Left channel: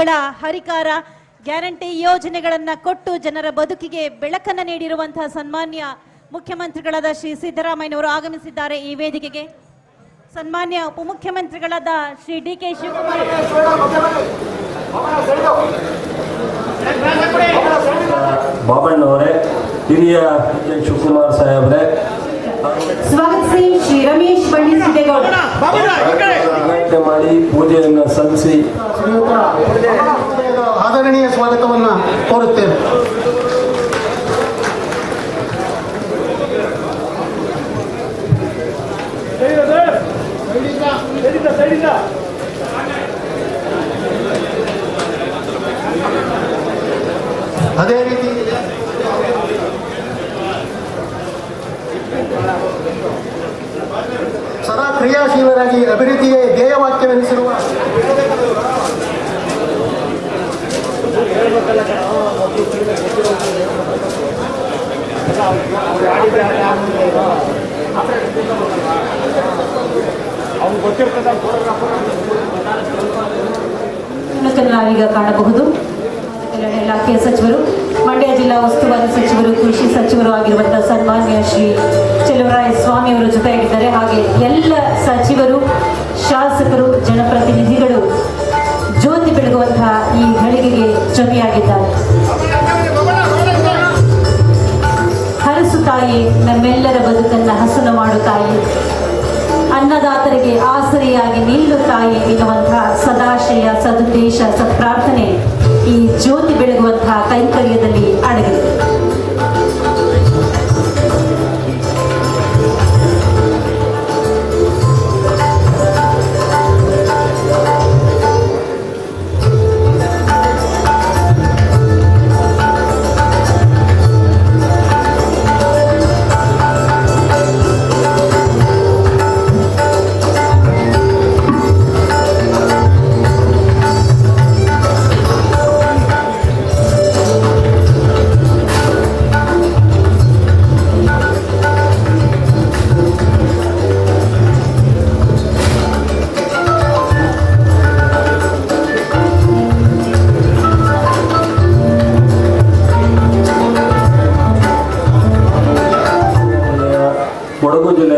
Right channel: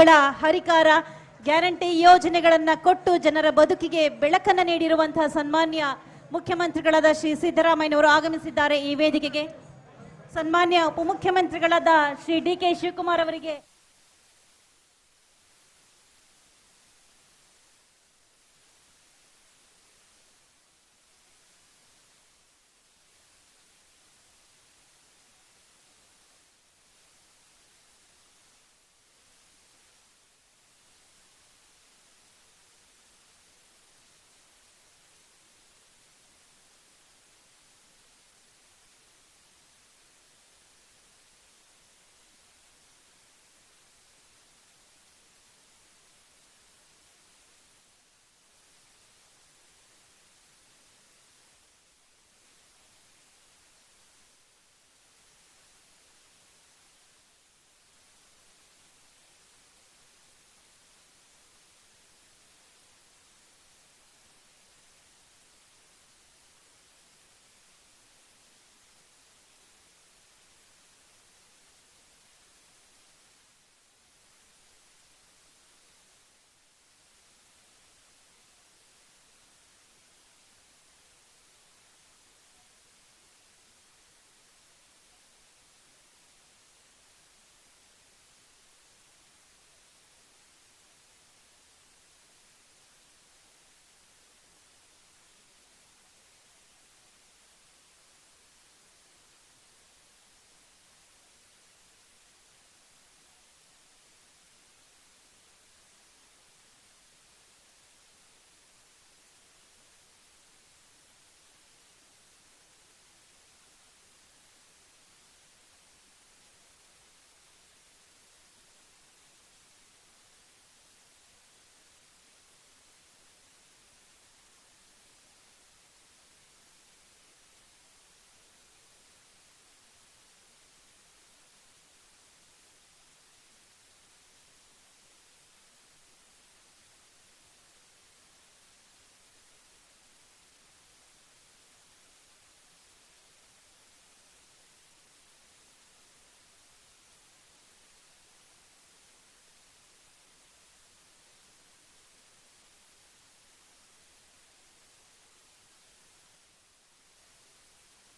ಗ್ಯಾರಂಟಿಗಳ ಹರಿಕಾರ, ಗ್ಯಾರಂಟಿ ಯೋಜನೆಗಳನ್ನು ಕೊಟ್ಟು ಜನರ ಬದುಕಿಗೆ ಬೆಳಕನ್ನು ನೀಡಿರುವಂತಹ ಸನ್ಮಾನ್ಯ ಮುಖ್ಯಮಂತ್ರಿಗಳಾದ ಶ್ರೀ ಸಿದ್ದರಾಮಯ್ಯನವರು ಆಗಮಿಸಿದ್ದಾರೆ ಈ ವೇದಿಕೆಗೆ. ಸನ್ಮಾನ್ಯ ಉಪಮುಖ್ಯಮಂತ್ರಿಗಳಾದ ಶ್ರೀ ಡಿ.ಕೆ. ಶಿವಕುಮಾರ್ ಬಾಬಣ್ಣವರೇ, ಹಿರಿಯ ಶಿವಕುಮಾರ್ ಸಾಹೇಬ್ರೆ, ಸ್ವಾಗತಿಸಿ ಶ್ರೀ ರಮೇಶ್ ಬಂಡಿ ಸಿದ್ದೇಗೌಡ ಮಾಡಿ ಪೂಜೆಯನ್ನು ಸಲ್ಲಿಸಿ ಆದರಣೀಯ ಸ್ವಾಗತವನ್ನು ಕೋರುತ್ತೇನೆ. ಅದೇ ರೀತಿ ಸದಾ ಕ್ರಿಯಾಶೀಲರಾಗಿ ಅಭಿವೃದ್ಧಿಯೇ ಧ್ಯೇಯವಾಕ್ಯವೆನಿಸಿರುವ ನಾವೀಗ ಕಾಣಬಹುದು ಇಲಾಖೆಯ ಸಚಿವರು, ಮಂಡ್ಯ ಜಿಲ್ಲಾ ಉಸ್ತುವಾರಿ ಸಚಿವರು, ಕೃಷಿ ಸಚಿವರು ಆಗಿರುವಂತಹ ಸನ್ಮಾನ್ಯ ಶ್ರೀ ಚೆಲುವರಾಯ ಸ್ವಾಮಿ ಅವರ ಜೊತೆಯಾಗಿದ್ದಾರೆ. ಹಾಗೆ ಎಲ್ಲ ಸಚಿವರು, ಶಾಸಕರು, ಜನಪ್ರತಿನಿಧಿಗಳು ಜ್ಯೋತಿ ಬೆಳಗುವಂತಹ ಈ ಘಳಿಗೆಗೆ ಜೊತೆಯಾಗಿದ್ದಾರೆ. ಹರಸು ತಾಯಿ, ನಮ್ಮೆಲ್ಲರ ಬದುಕನ್ನು ಹಸನು ಮಾಡು ತಾಯಿ, ಅನ್ನದಾತರಿಗೆ ಆಸರೆಯಾಗಿ ನಿಲ್ಲು ತಾಯಿ ಎನ್ನುವಂತಹ ಸದಾಶಯ, ಸದುದ್ದೇಶ, ಸತ್ಪ್ರಾರ್ಥನೆ ಈ ಜ್ಯೋತಿ ಬೆಳಗುವಂತಹ ಕೈಂಕರ್ಯದಲ್ಲಿ ಅಡಗಿದೆ. ಕೊಡಗು ಜಿಲ್ಲೆ